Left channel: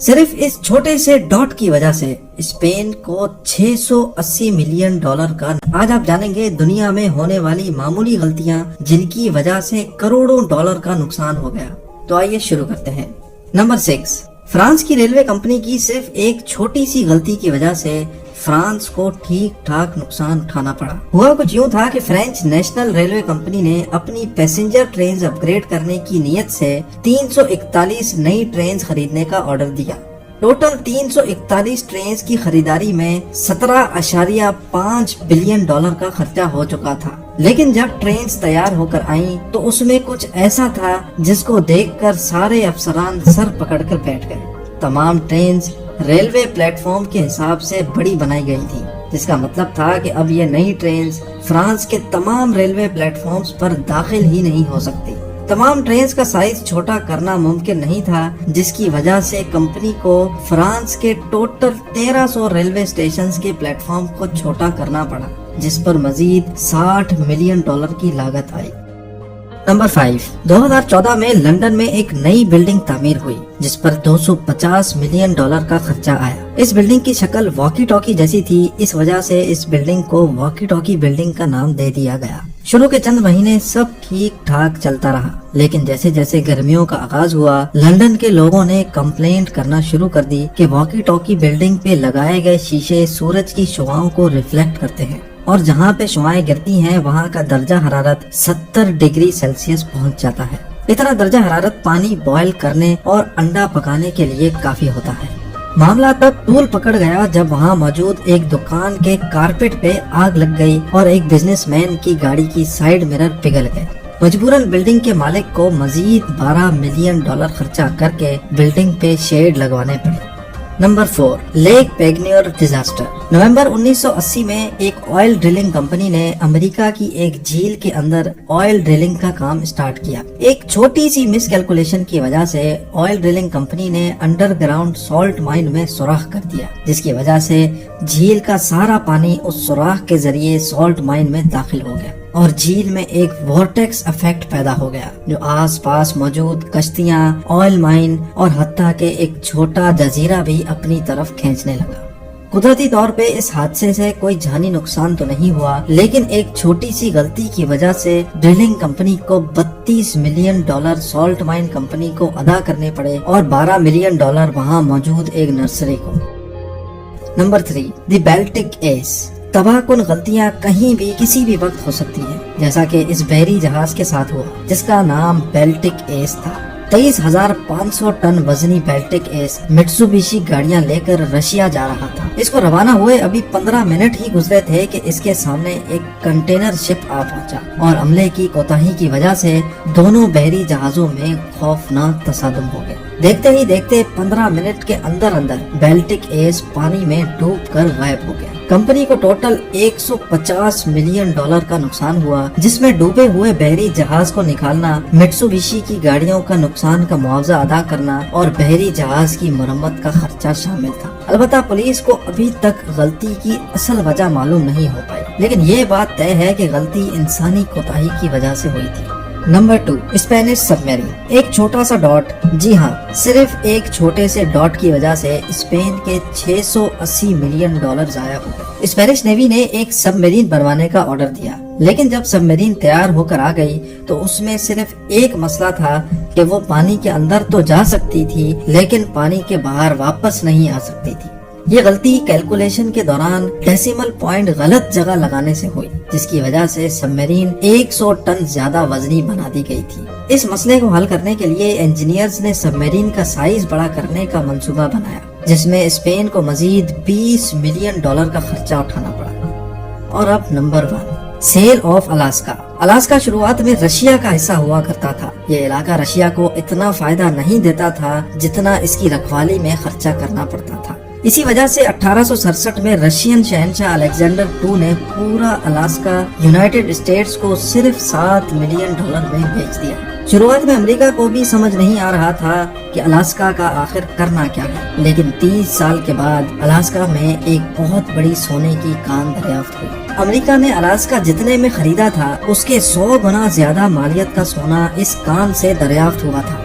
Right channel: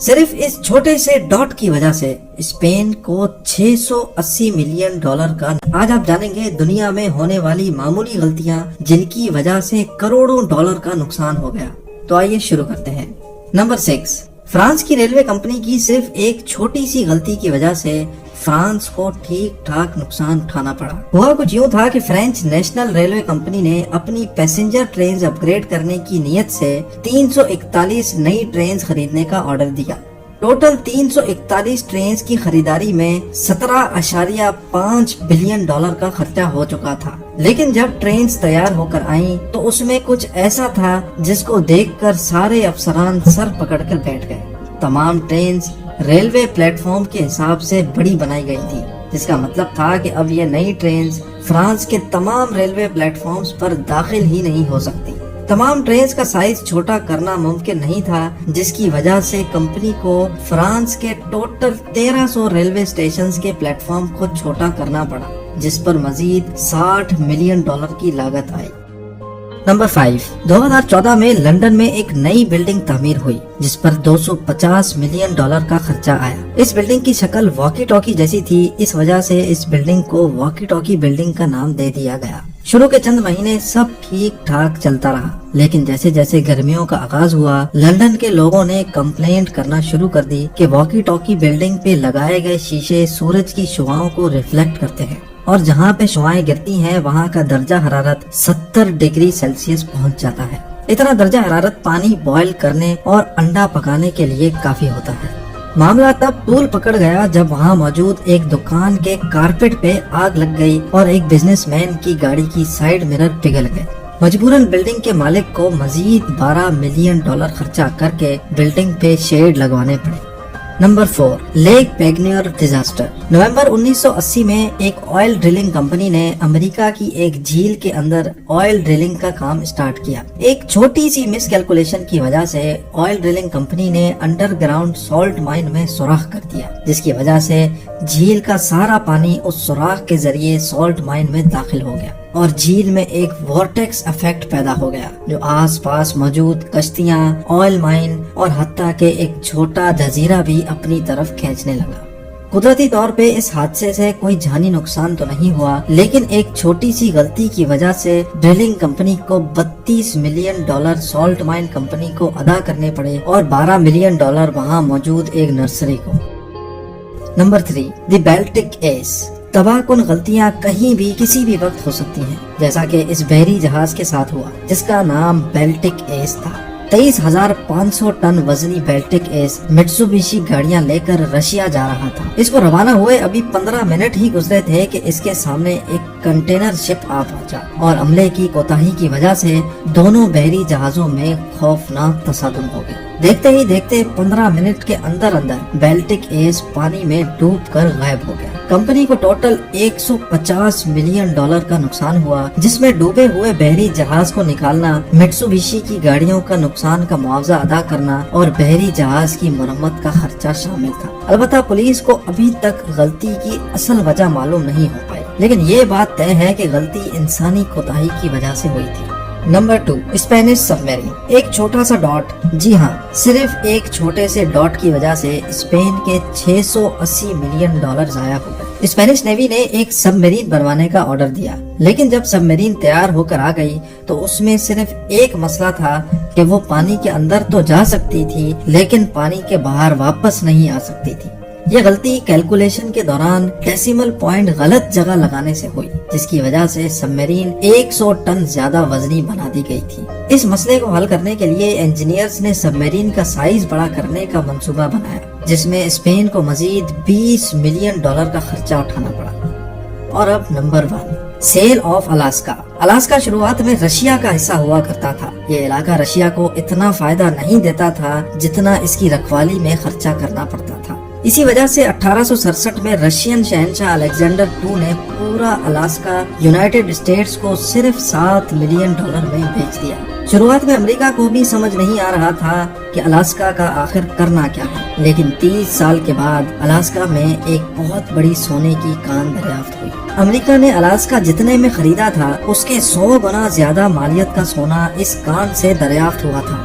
صرف اس چھوٹے سے ڈاٹ کی وجہ سے اسپین کو $680 ملین کا، آج آپ جانیں گے دنیا میں ہونے والی معمولی غلطیاں جن کی وجہ سے کروڑوں ڈالر کا نقصان ہو گیا۔ تو آئیے شروع کرتے ہیں۔ نمبر 6، فرانس کی ریلوے کمپنی کی صرف ایک چھوٹی سی غلطی کی وجہ سے فرانس کو ٹھیک ٹھاک نقصان اٹھانا پڑا۔ وہ کچھ یوں تھا کہ فرینچ نیشنل ریلوے کمپنی نے اپنی پیسنجر ٹرینز اپ گریڈ کرنے کی نیت سے 341 نئی ٹرینز خریدنے کا آرڈر دیا۔ ٹوٹل 341 ٹرینز کی خریداری میں $17.5 بلین کا خرچہ ہو چکا تھا، لیکن جب ٹرینز تیار ہو کر آئیں تو اس میں کچھ ایسا تھا جس کو دیکھ کر سارے افسران سر پکڑ کر بیٹھ گئے۔ تمام ٹرینز ریلوے پلیٹ فارم کے حساب سے بڑی بنائی گئی تھی، جس کا مطلب تھا کہ اب یہ نئی ٹرینز فرانس کے تمام ریلوے پلیٹ فارمز پر داخل ہی نہیں ہو سکتی۔ تمام ٹرینز کا سائز چھوٹا کرنا ممکن نہیں تھا، جس کی وجہ سے کمپنی کو فرانس کے ٹوٹل 1300 ریلوے اسٹیشنز کے پلیٹ فارم کو چھوٹا کرنا پڑا، جس پر مزید $60 ملین کی لاگت آئی۔ نمبر 5، 2014 میں لندن میں ایک نئی بلڈنگ تعمیر ہوئی جس پر $250 ملین کا خرچہ آیا۔ اس بلڈنگ کی شکل واکی ٹاکی جیسی تھی، اس وجہ سے اس بلڈنگ کو واکی ٹاکی بلڈنگ کا نام دے دیا گیا۔ شروع کے چند مہینے سب ٹھیک ٹھاک چلتا رہا، لیکن جیسے جیسے گرمیوں کا آغاز ہوا، لندن کے لوگوں نے کمپلینٹ کرنا شروع کر دی کہ واکی ٹاکی بلڈنگ پہ لگائے گئے شیشے سورج کی شعاؤں کو ریفلیکٹ کرتے ہیں، اور جہاں پہ شعائیں گرتی ہیں وہاں کا درجہ حرارت 70 ڈگری سیلسیس پہنچ جاتا ہے۔ اتنا درجہ حرارت پانی بوائل کرنے اور انڈا پکانے کے لیے کافی ہوتا ہے۔ معاملہ تب طول پکڑ گیا جب وہاں موجود ایک دکان کے کارپیٹ پہ آگ لگ گئی اور ایک بزنس مین کی گاڑی کی سائیڈ مرر پگھل گئے۔ مجبوراً بلڈنگ کے مالک کو مزید $12 ملین خرچہ کر کے بلڈنگ پہ شیڈ لگوانے پڑے۔ Number 4، Lake Peigneur disaster. نومبر 1980 میں ایک آئل ڈرلنگ کمپنی نے امریکہ کی ایک جھیل کے اندر آئل ڈرلنگ کا کام سٹارٹ کیا۔ ایک چھوٹی سی مس کیلکولیشن کی وجہ سے آئل ڈرلنگ کمپنی نے انڈر گراؤنڈ سالٹ مائن میں سوراخ کر دیا، جس کی وجہ سے جھیل کا سارا پانی اس سوراخ کے ذریعے سالٹ مائن میں داخل ہو گیا اور جھیل میں ایک وارٹیکس افیکٹ پیدا ہو گیا، جو آس پاس موجود کشتیاں، آئل مائن اور حتیٰ کہ ایک چھوٹا جزیرہ بھی اپنی طرف کھینچنے لگا۔ قدرتی طور پہ اس حادثے سے کوئی جانی نقصان تو نہیں ہوا، لیکن ایک چھوٹی سی غلطی کی وجہ سے ڈرلنگ کمپنی کو $32 ملین سالٹ مائن کمپنی کو ادا کرنے پڑے اور $12 ملین وہاں موجود ایک نرسری کو۔ نمبر 3، دی بیلٹک ایس۔ تباہ کن غلطیاں کہیں بھی کسی بھی وقت ہو سکتی ہیں، جیسا کہ اس بحری جہاز کے ساتھ ہوا جس کا نام بیلٹک ایس تھا۔ 23,500 ٹن وزنی بیلٹک ایس میٹسوبیشی گاڑیاں لے کر رشیا جا رہا تھا۔ اس کو روانہ ہوئے ابھی 15 منٹ ہی گزرے تھے کہ اس کے سامنے ایک کنٹینر شپ آ پہنچا اور عملے کی کوتاہی کی وجہ سے دونوں بحری جہازوں میں خوفناک تصادم ہو گیا۔ دیکھتے ہی دیکھتے 15 منٹ کے اندر بیلٹک ایس پانی میں ڈوب کر غائب ہو گیا۔ کمپنی کو ٹوٹل $150 ملین کا نقصان ہوا، جس میں ڈوبے ہوئے بحری جہاز کو نکالنا، میٹسوبیشی کی گاڑیوں کا نقصان کا معاوضہ ادا کرنا اور بحری جہاز کی مرمت کا خرچہ شامل تھا۔ البتہ پولیس کو ابھی تک غلطی کی اصل وجہ معلوم نہیں ہو پائی، لیکن یہ بات طے ہے کہ غلطی انسانی کوتاہی کی وجہ سے ہوئی تھی۔ نمبر 2، اسپینش سب میرین۔ ایک چھوٹا سا ڈاٹ، جی ہاں، صرف ایک چھوٹے سے ڈاٹ کی وجہ سے اسپین کے $680 ملین ضائع ہو گئے۔ اسپینش نیوی نے ایک سب میرین بنوانے کا آرڈر دیا، لیکن جب سب میرین تیار ہو کر آ گئی تو اس میں صرف ایک مسئلہ تھا کہ وہ پانی کے اندر تو جا سکتی تھی لیکن پانی کے باہر واپس نہیں آ سکتی تھی۔ یہ غلطی کیلکولیشن کے دوران ڈیسیمل پوائنٹ غلط جگہ لگانے سے ہوئی، جس کی وجہ سے سب میرین 100 ٹن زیادہ وزنی بنا دی گئی تھی۔ اس مسئلے کو حل کرنے کے لیے انجینئرز نے سب میرین کا سائز بڑا کرنے کا منصوبہ بنایا، جس میں اسپین کو مزید $20 ملین کا خرچہ اٹھانا پڑا۔ اور اب number 1، sale of Alaska. Alaska شروعات میں رشیا کا حصہ ہوا کرتا تھا۔ یہ علاقہ رشیا کو اتنا فائدہ نہیں دیتا تھا جتنا اس کی رکھوالی میں خرچا کرنا پڑتا تھا۔ اسی وجہ سے 1867 میں رشین شہنشاہ الیگزینڈر II نے پورا الاسکا یونائیٹڈ اسٹیٹس کو صرف $7 ملین میں بیچ دیا۔ شروعات میں امریکہ کو بھی سمجھ نہیں آ رہا تھا کہ الاسکا کا آخر کرنا کیا ہے، لیکن 30 سال کے بعد الاسکا میں ایک بہت بڑی سونے کی کان دریافت ہوئی۔ امریکہ نے الاسکا جتنے میں خریدا تھا اس کے 100 گنا زیادہ مالیت کا سونا اس کان سے دریافت ہوا تھا۔